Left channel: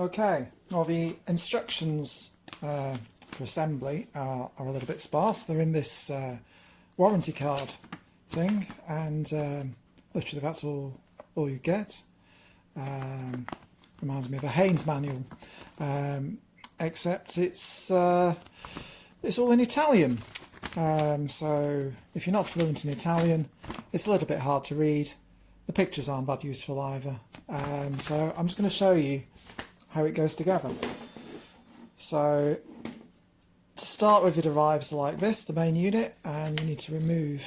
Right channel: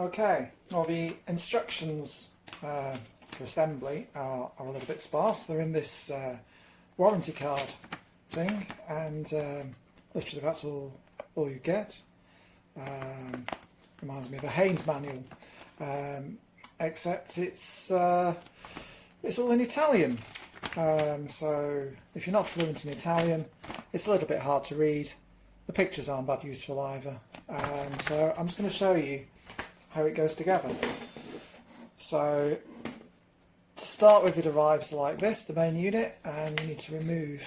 Okay, well the instructions for assembly are a little bit sparse. They're in this warranty card thing, and literally that's all you get. Reminds me of a Haynes manual, except it's all in Italian. So if you're not fluent in Italian, it's a little bit hard to read. The pictures aren't that useful either. So I'm just going to show you how it goes together. So to start with, it arrives like this, the main unit, and you need to remove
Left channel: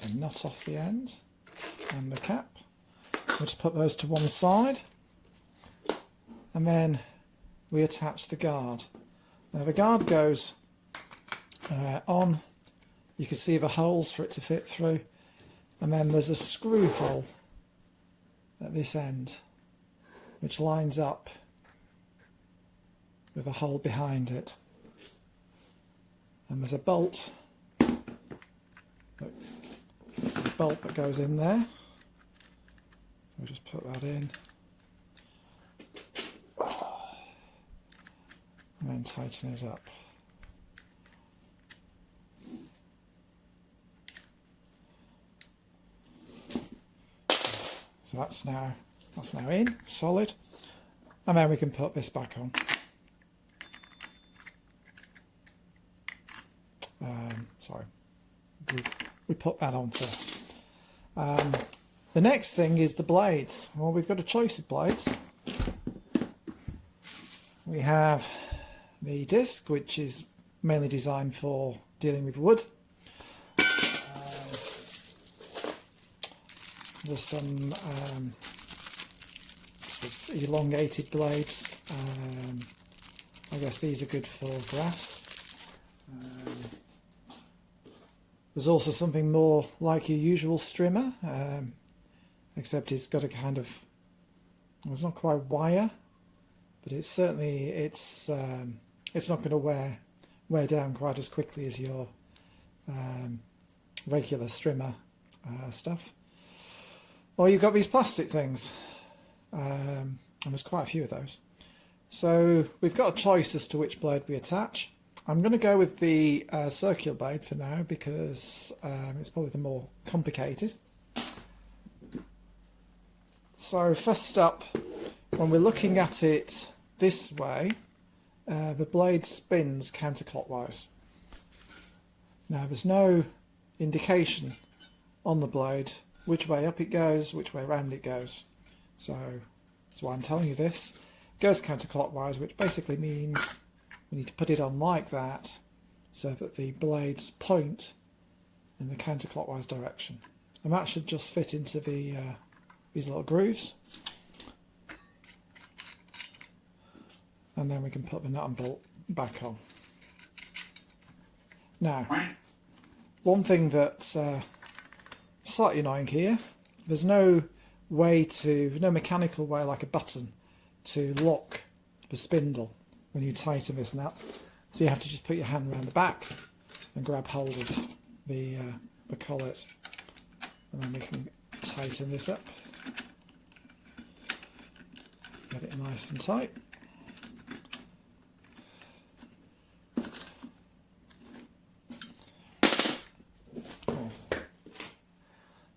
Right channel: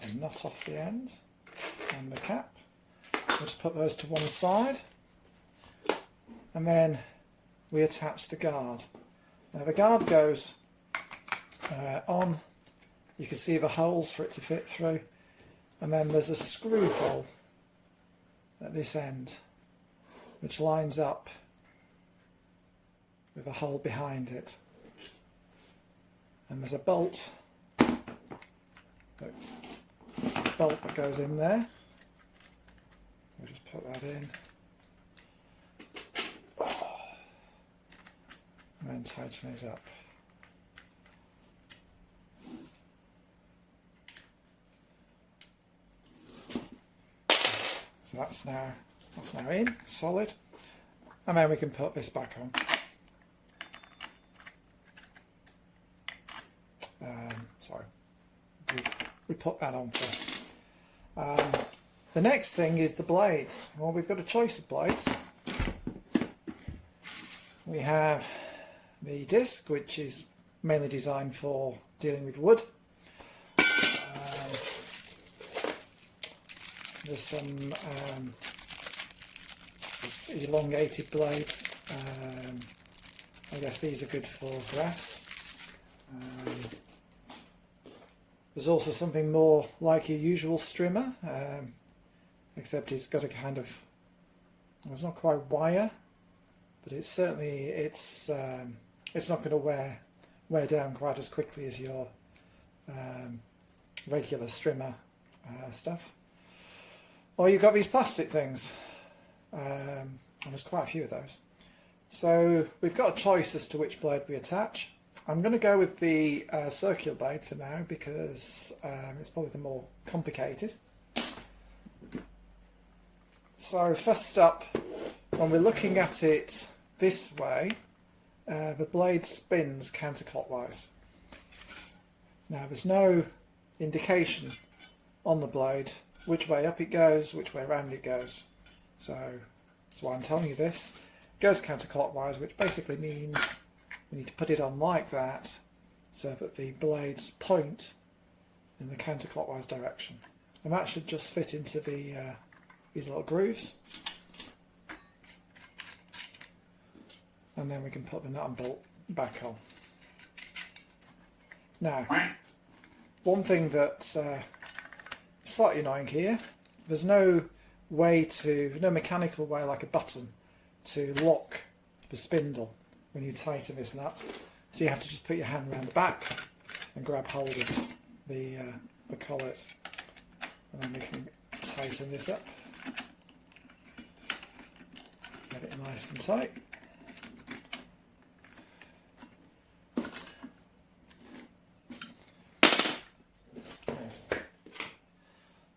the nut off the end and the cap. We'll just put those to one side, and then we attach the guard. Now the guard goes on. You can see the holes for it to fit through, and then there's a screw hole at this end which lines up with a hole behind it, and there's a bolt that goes in there. We'll just put that in and then tighten it up. So that's now in, solid, and then we can put this back on. Sorry, we put that on first. The next thing is the blades. Well, we've got a choice of blades. We have the disc, which is mainly designed for dealing with wood. There's some elongated blades. I guess these are good for grass. There's also something more like your usual strimmer, except it's got a kind of, it's not quite wire, but it's certainly, it's not going to wear down quite as quickly as your regular strimmer stuff. Or you've got these plastic things, and there's quite a few of those. So we've got a choice as to which blade we attach. I'm going to go with the circular blade for now, because it's probably the more complicated. So first up, when we're looking at it this way, the blade spins counterclockwise. Now there's no indication on the blade which way up it goes, which way around it goes. So that's why I'm telling you this. It goes counterclockwise, which basically means we need to put it on like that so that the blades point in the counterclockwise direction. And that should just fit into the these little grooves. And then we can put the nut and bolt back on. Now, one thing that's slightly annoying here, there's no mechanical way like a button to lock the spindle when you tighten this nut. So you have to just put your hand around the back and grab hold of the collet, and then we can tighten this up, get it nice and tight.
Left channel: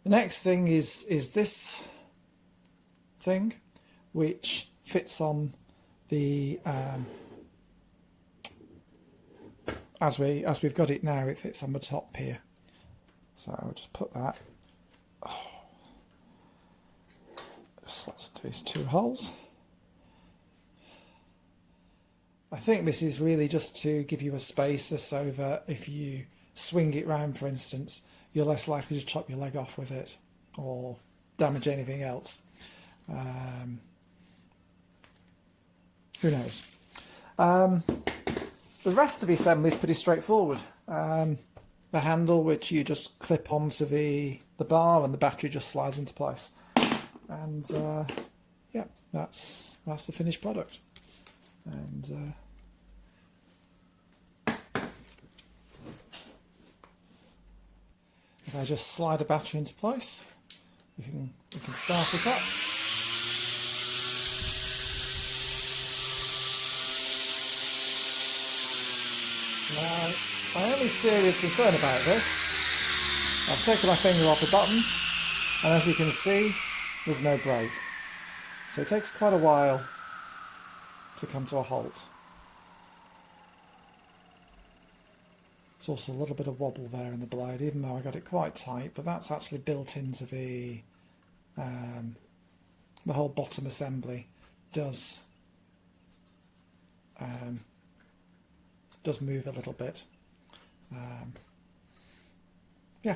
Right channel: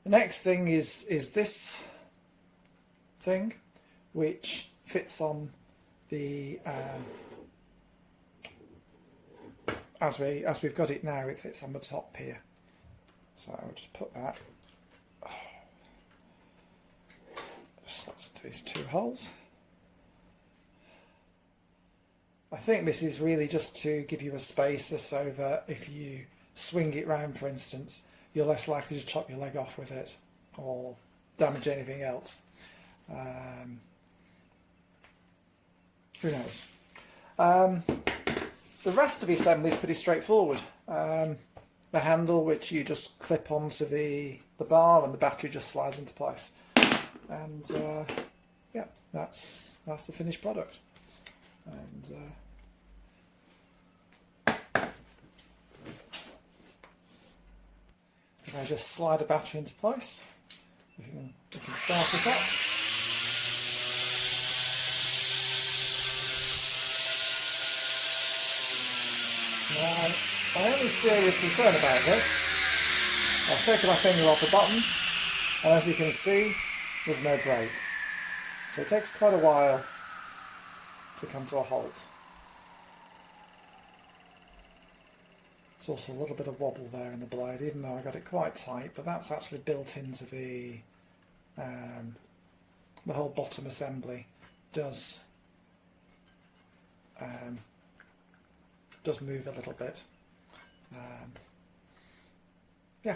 The next thing is this thing, which fits on the as we've got it now, it fits on the top here. So I'll just put that. Just let's do these two holes. I think this is really just to give you a spacer so that if you swing it round, for instance, you're less likely to chop your leg off with it or damage anything else. Who knows? The rest of the assembly is pretty straightforward. The handle, which you just clip onto the bar, and the battery just slides into place. And yeah, that's the finished product. And if I just slide a battery into place, we can start it up. Now, my only serious concern about this, I've taken my finger off the button, and as you can see, there's no break. So it takes quite a while to come to a halt. There's also a little bit of wobble there in the blade, even though I got it quite tight, but that's actually built into the whole bottom assembly does move a little bit. Yeah,